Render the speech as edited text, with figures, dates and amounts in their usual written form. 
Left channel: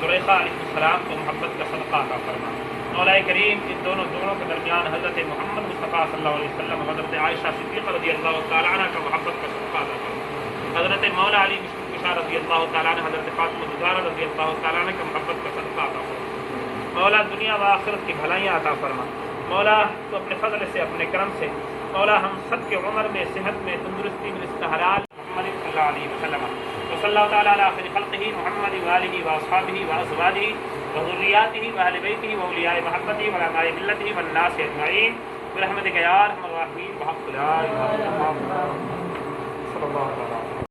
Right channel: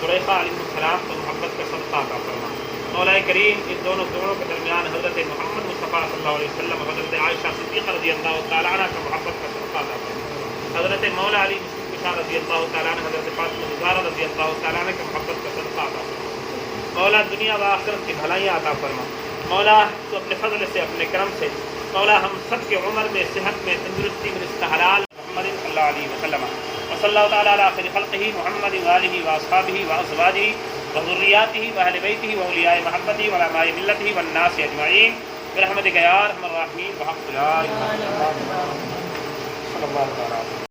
زلیخا علیہ السلام کو محبت کا صدقہ عطا فرما۔ مولا کریم ان دونوں جوڑوں کے درمیان حضرت محمد مصطفیٰ صلی اللہ علیہ وسلم حضرت عائشہ صدیقہ رضی اللہ تعالیٰ عنہ کا محبت کا صدقہ عطا فرما۔ حضرت مولا علی مشکل رضی اللہ تعالیٰ عنہ حضرت فاطمہ زہرا رضی اللہ تعالیٰ عنہ کا محبت کا صدقہ عطا فرما۔ مولا دنیا و آخرت کی بھلائیاں عطا فرما۔ مولا تو اپنے فضل سے اپنے کرم سے مولا ہم سب کے عمر میں صحت میں تندرستی میں رزق حلال محمد صلی اللہ علیہ وسلم وصلی اللہ تعالیٰ علی خیر خلقہ محمد وآلہ واصحابہ وازواجہ وذریاتہ واہل بیتہ واولیاء محبتہ وعلماء ملتہ والناس اجمعین برحمتک یا ارحم الراحمین۔